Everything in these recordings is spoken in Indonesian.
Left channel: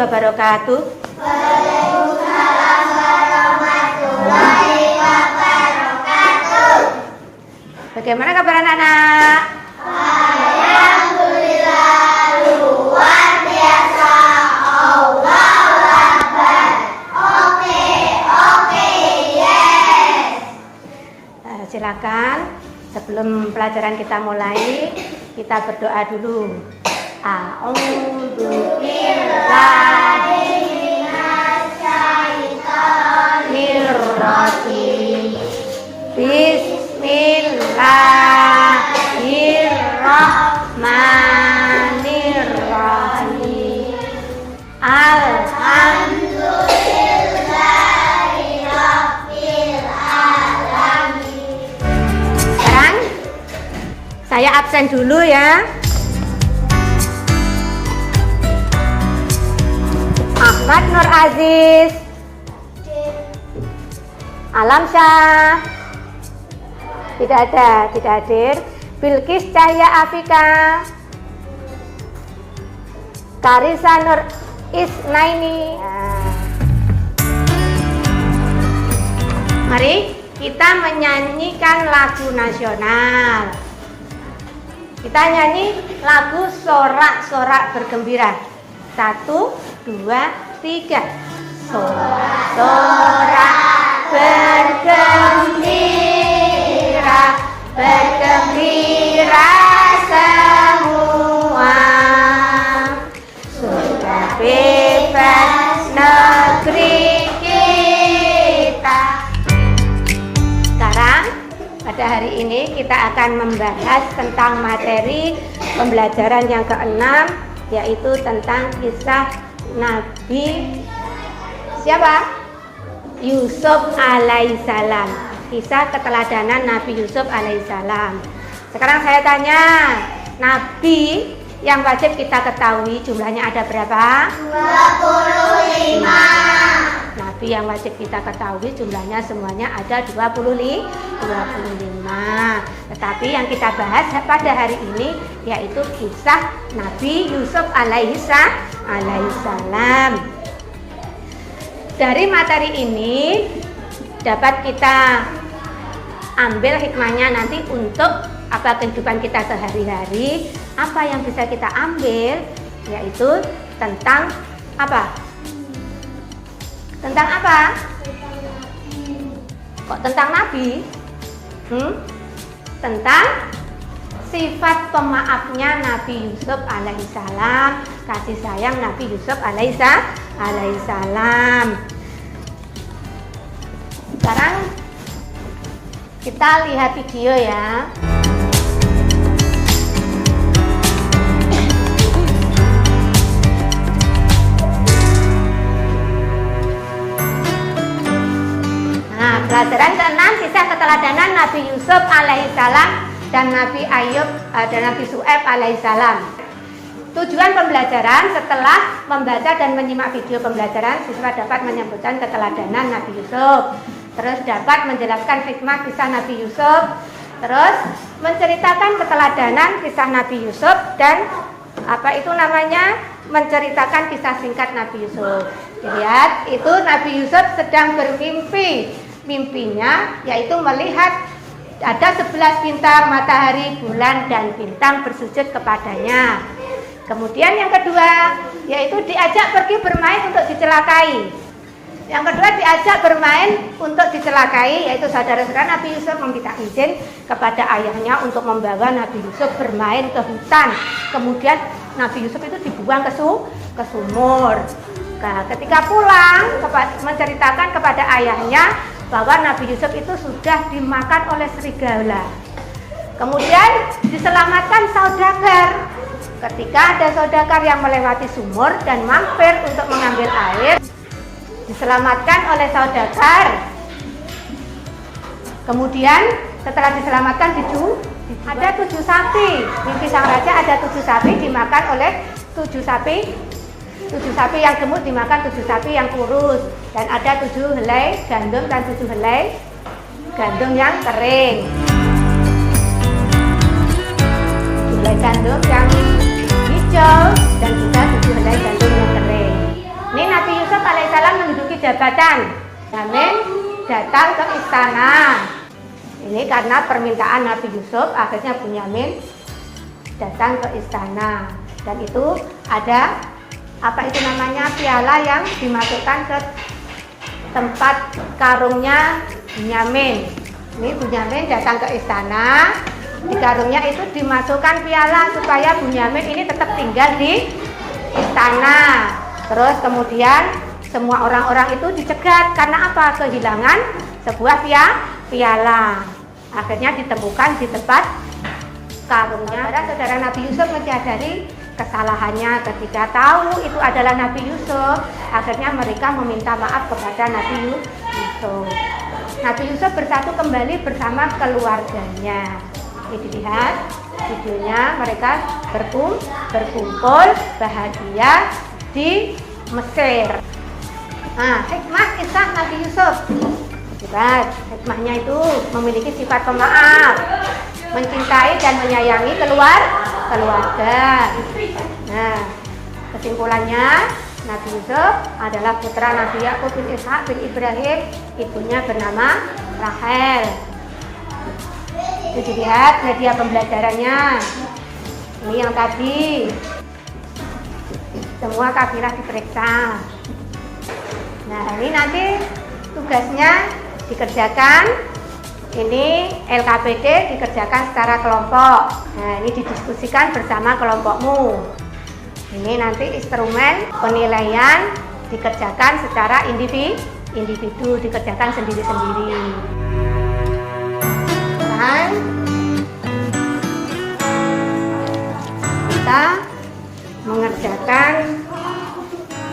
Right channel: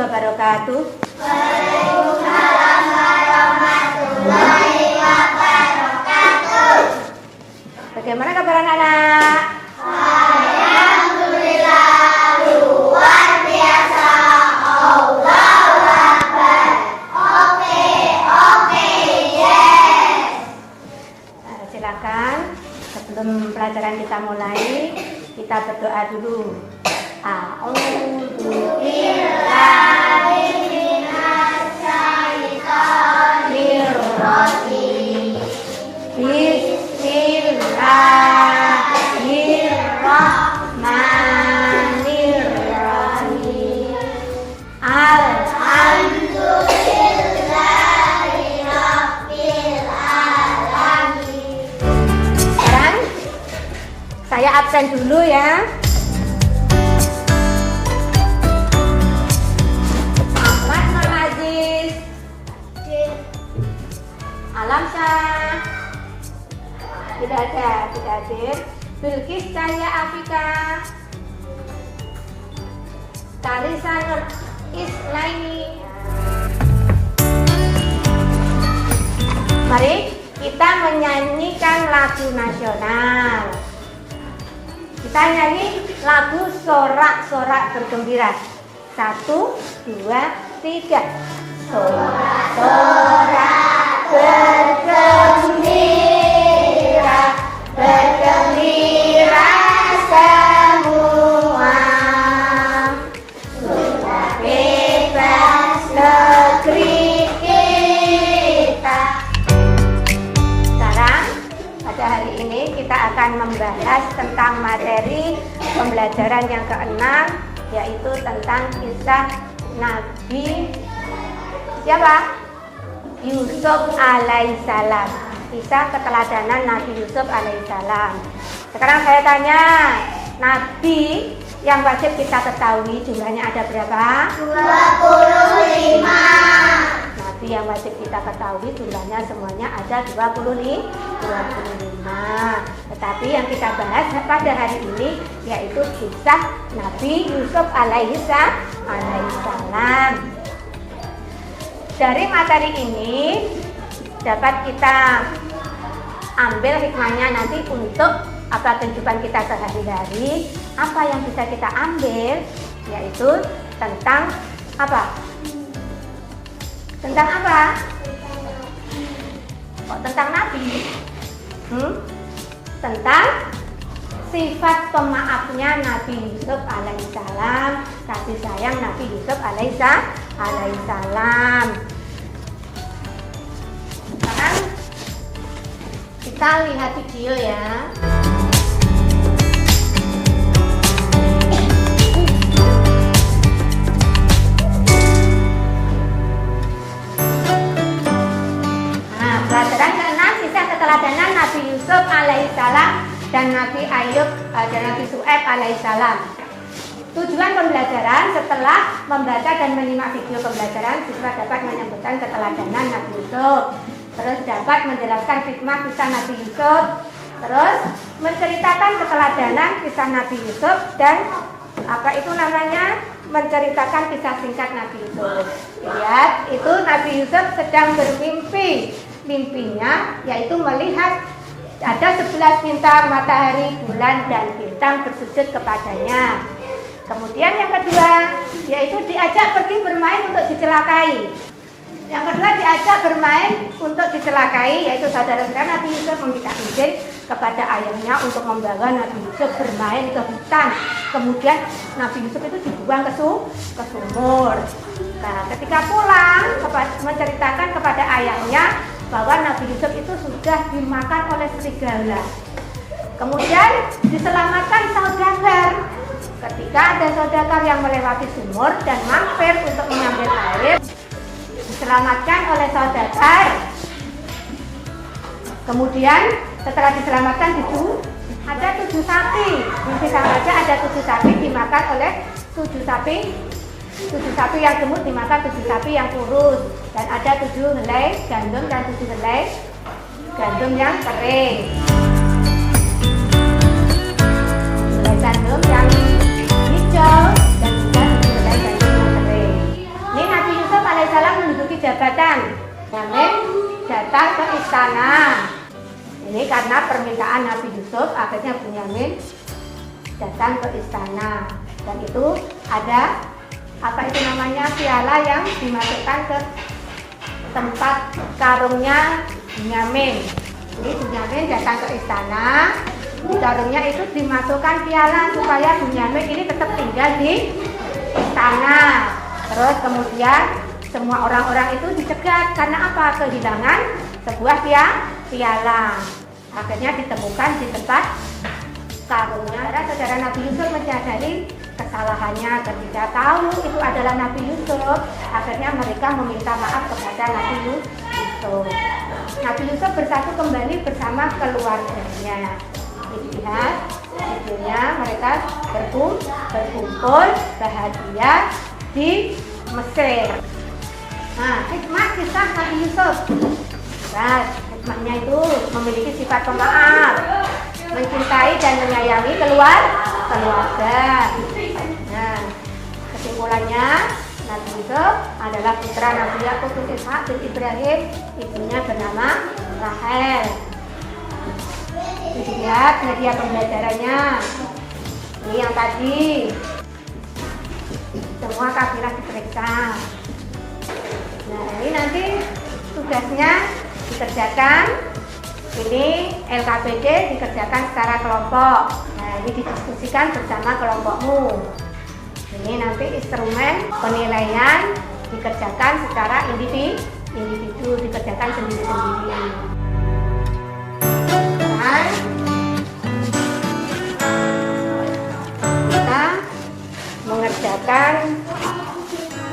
wabarakatuh. Waalaikumsalam warahmatullahi wabarakatuh. Bagaimana kabar anak-anak? Alhamdulillah luar biasa. Allahu Akbar. Oke, yes. Silakan sebelum pelajaran kita mulai, kita berdoa dulu. A'udzu billahi minasyaitonir rajim. Bismillahirrahmanirrahim. Alhamdulillahirabbil alamin. Kan? Saya absen dulu ya. Ahmad Nur Aziz, Alamsyah, tidak hadir. Bilkis Cahya Afika, Karisa Nur Isnaini. Mari kita menyanyikan lagu nasional. Kita nyanyi lagu sorak-sorak bergembira. 1, 2, 3. Sorak-sorak bergembira, bergembira semua. Sudah bebas negeri kita. Sekarang pada hari ini kita akan membahas tentang materi pembelajaran yang ke-6, yaitu tentang kisah Nabi siapa? Yusuf alaihissalam. Kisah keteladanan Nabi Yusuf alaihissalam. Sekarang saya tanya, Nabi yang wajib kita ketahui jumlahnya ada berapa? 25. Nabi yang wajib kita ketahui jumlahnya semuanya ada 25. Tetapi yang kita bahas pada hari ini yaitu kisah Nabi Yusuf alaihissalam. Dari materi ini dapat kita ambil hikmahnya nanti untuk kehidupan kita sehari-hari. Apa yang bisa kita ambil yaitu tentang apa? Tentang apa? Kok tentang Nabi? Tentang sifat pemaafnya Nabi Yusuf alaihissalam, kasih sayang Nabi Yusuf alaihissalam. Sekarang kita lihat video ya. Pelajaran ke-6 kisah keteladanan Nabi Yusuf alaihissalam dan Nabi Ayub dan Nabi Syuaib alaihissalam. Tujuan pembelajaran, setelah membaca dan menyimak video pembelajaran, siswa dapat menyebutkan keteladanan Nabi Yusuf, terus dapat menjelaskan hikmah kisah Nabi Yusuf, terus menceritakan keteladanan kisah Nabi Yusuf dan menceritakan kisah singkat Nabi Yusuf. Lihat, itu Nabi Yusuf sedang bermimpi. Mimpinya yaitu melihat ada 11 bintang, matahari, bulan, dan bintang bersujud kepadanya. Kemudian yang kedua yaitu diajak pergi bermain untuk dicelakai. Yang kedua diajak bermain untuk dicelakai, yaitu saudara-saudara Nabi Yusuf meminta izin kepada ayahnya untuk membawa Nabi Yusuf bermain ke hutan. Kemudian Nabi Yusuf itu dibuang ke sumur. Nah, ketika pulang menceritakan kepada ayahnya bahwa Nabi Yusuf itu sudah dimakan oleh serigala. Kemudian diselamatkan saudagar. Ketika ada saudagar yang melewati sumur dan mampir untuk mengambil air, diselamatkan oleh saudagar. Kemudian setelah diselamatkan ada 7 sapi. Di kisah raja ada 7 sapi dimakan oleh 7 sapi. 7 sapi yang gemuk dimakan 7 sapi yang kurus. Dan ada 7 helai gandum dan 7 helai gandum yang kering. Gandum yang hijau dan juga 7 helai gandum yang kering. jabatan. Bunyamin datang ke istana. Ini karena permintaan Nabi Yusuf, akhirnya Bunyamin datang ke istana. Dan itu ada apa itu namanya, piala yang dimasukkan ke tempat karungnya Bunyamin. Ini Bunyamin datang ke istana, di karungnya itu dimasukkan piala supaya Bunyamin ini tetap tinggal di istana. Terus kemudian semua orang-orang itu dicegat karena apa? Kehilangan sebuah piala. Akhirnya ditemukan di tempat karungnya. Saudara Nabi Yusuf menyadari kesalahannya ketika tahu itu adalah Nabi Yusuf. Akhirnya mereka meminta maaf kepada Nabi Yusuf. Nabi Yusuf bersatu kembali bersama keluarganya. Ini dilihat videonya, mereka berkumpul bahagia di Mesir. Nah, hikmah kisah Nabi Yusuf. Lihat, hikmahnya itu memiliki sifat pemaaf, mencintai dan menyayangi keluarga. Nah, kesimpulannya Nabi Yusuf adalah putra Nabi Yakub bin Ishak bin Ibrahim, ibunya bernama Rahel. Itu dilihat media pembelajarannya. Ini yang tadi. Semua kafilah diperiksa. Nah, ini nanti tugasnya dikerjakan. Ini LKPD dikerjakan secara kelompok. Nah, ini didiskusikan bersama kelompokmu. Ini nanti instrumen penilaian dikerjakan secara individu, dikerjakan sendiri-sendiri. Dan kita mengerjakan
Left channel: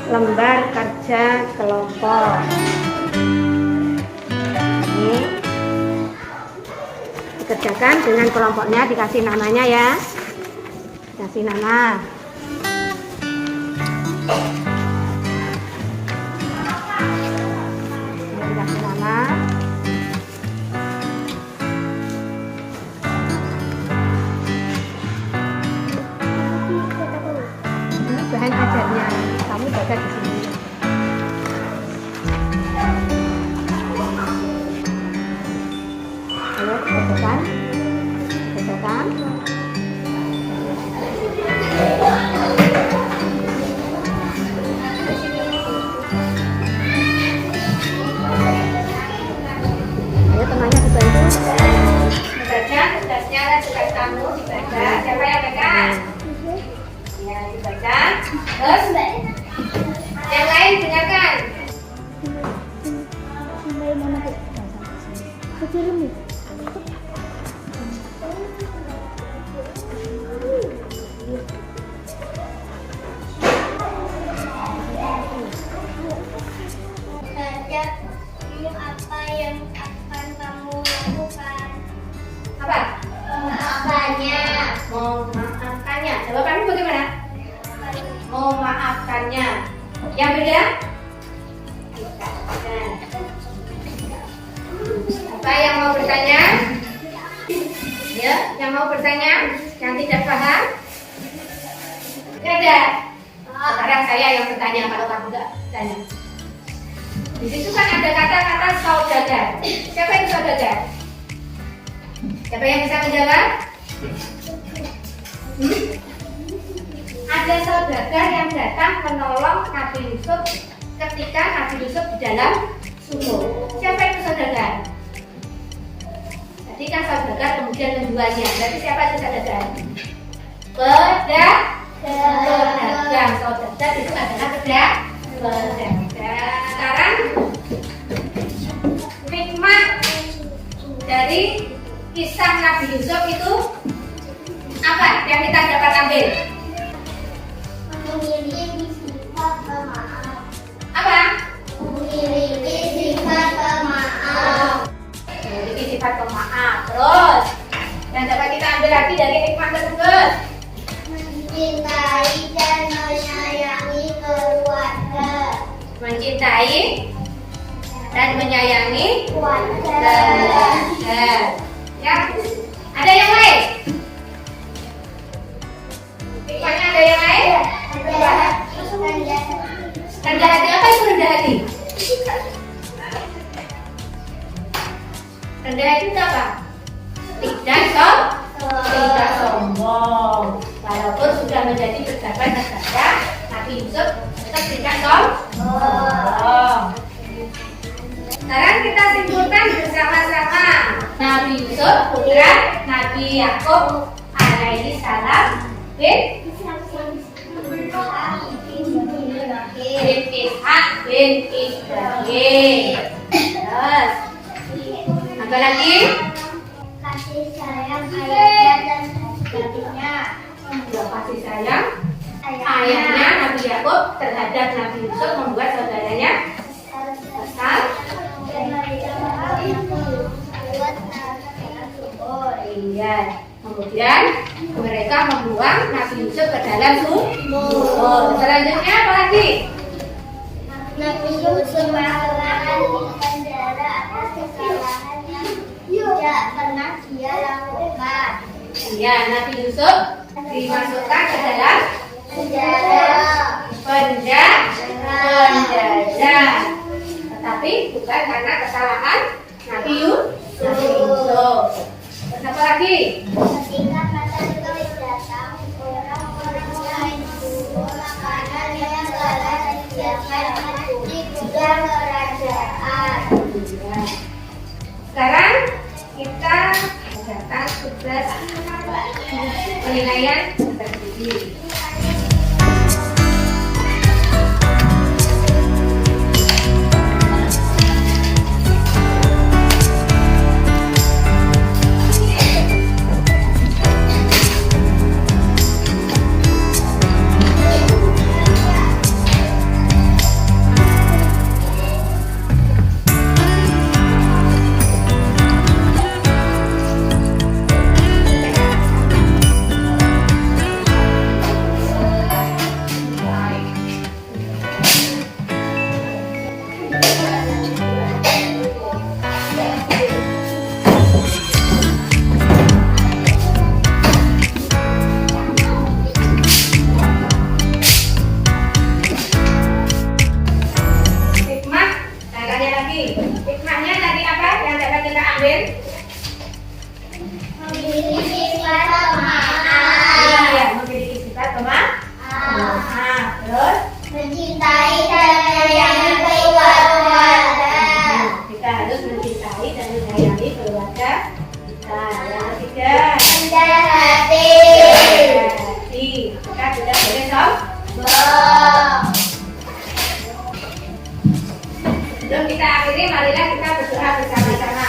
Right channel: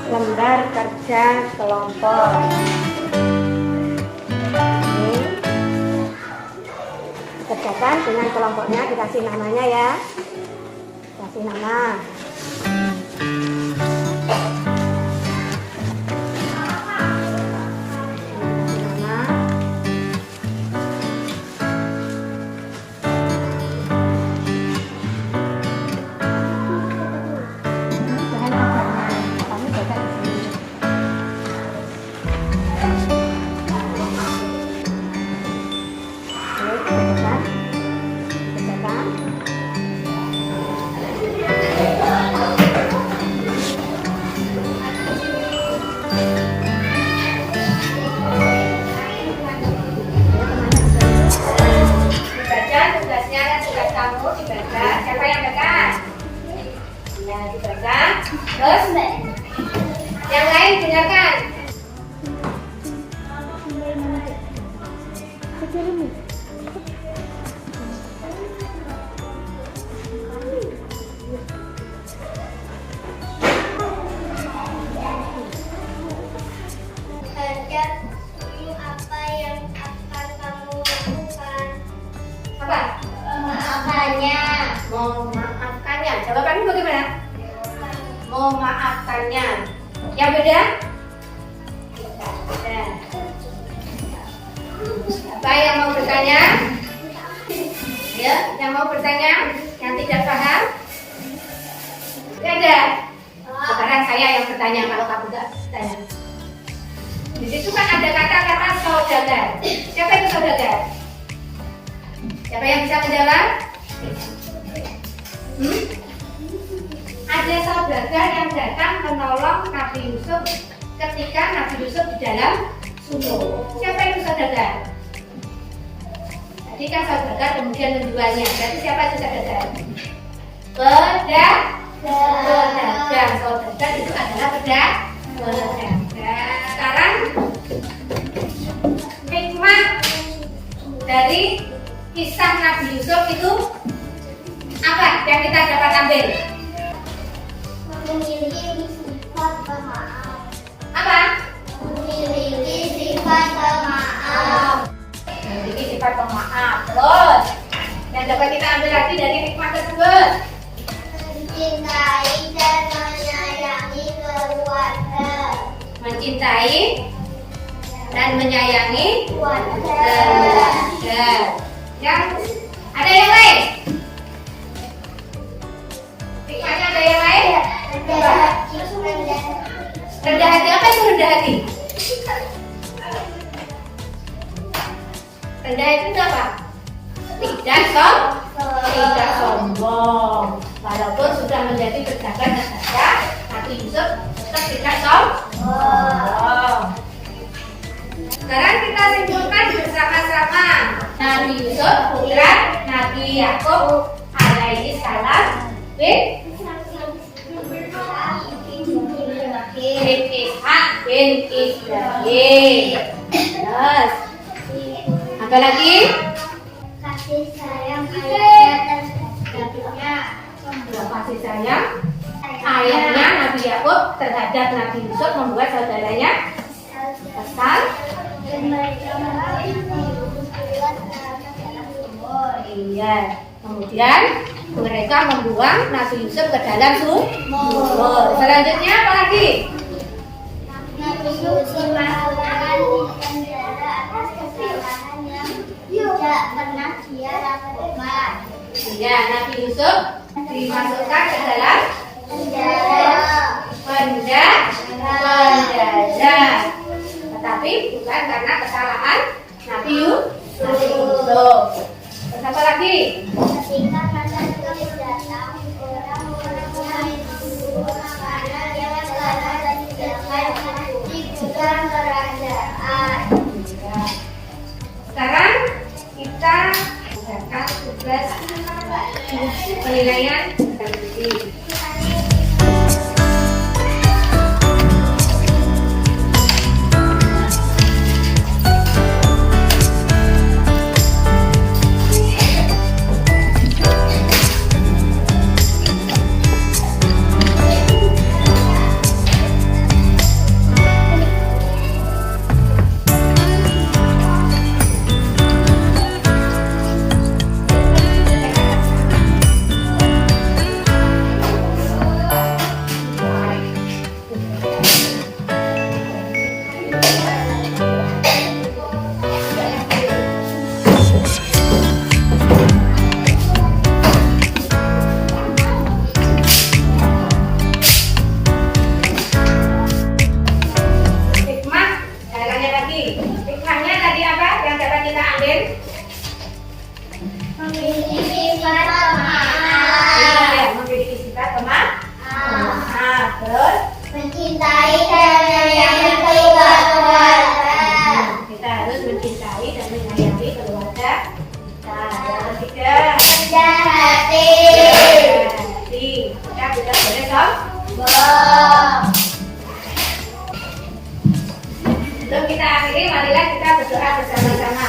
lembar kerja kelompok. Ini dikerjakan dengan kelompoknya, dikasih namanya ya. Kasih nama. Terus yang lain dengarkan. Apa yang akan kamu lakukan? Apa? Memaafkannya. Memaafkannya. Jawabannya bagaimana? Memaafkannya. Yang beda? Apa yang mau bertanya? Ya, yang mau bertanya? Yang tidak paham? Tidak ada. Sekarang saya yang bertanya kalau kamu tidak bertanya. Di situ kan ada kata-kata saudagar. Siapa itu saudagar? Siapa yang bisa menjawab? Ada saudagar yang datang menolong Nabi Yusuf ketika Nabi Yusuf di dalam sumur. Siapa itu saudagar? Tadi kan saudagar kemudian menjualnya. Berarti siapa itu saudagar? Pedagang. Saudagar itu adalah pedagang. Sekarang hikmah dari kisah Nabi Yusuf itu apa yang kita dapat ambil? Memiliki sifat pemaaf. Apa? Memiliki sifat pemaaf. Memiliki sifat pemaaf. Terus yang dapat kita ambil lagi dari hikmah tersebut? Mencintai dan menyayangi keluarga. Mencintai dan menyayangi Keluarga. Yang ada yang lain? Hikmahnya ada yang lain? Rendah hati. Apa itu rendah hati? Rendah itu apa? Tidak sombong. Walaupun sudah menjadi pejabat negara, Nabi Yusuf tetap tidak sombong. Sekarang kita simpulkan bersama-sama. Nabi Yusuf bukan Nabi Yakub alaihi salam bin Ishak bin Ibrahim. Terus apa lagi? Kasih sayang ayahnya dan saudaranya. Kasih sayang ayahnya Nabi Yakub terhadap Nabi Yusuf membuat saudaranya kesal. Dan mereka membuat Oh iya. Kemudian mereka membuang Nabi Yusuf ke dalam sumur. Selanjutnya apa lagi? Nabi Yusuf dimasukkan di penjara atas kesalahan yang tidak pernah dia lakukan. Iya, Nabi Yusuf dimasukkan ke dalam penjara. Tetapi bukan karena kesalahan Nabi Yusuf. Terus apa lagi? Ketika pada tulis datang, orang-orang yang memburu makanan yang telah disediakan di gudang kerajaan. Sekarang kita mengerjakan tugas penilaian tertulis. Hikmahnya tadi apa yang dapat kita ambil? Memiliki sifat pemaaf, Ya, memiliki sifat pemaaf. Terus mencintai dan menyayangi keluarga. kita harus mencintai dan menyayangi keluarga kita. Yang ketiga, Rendah hati, hati. Kita tidak boleh sombong. Sebelum kita akhiri, marilah kita berdoa bersama-sama.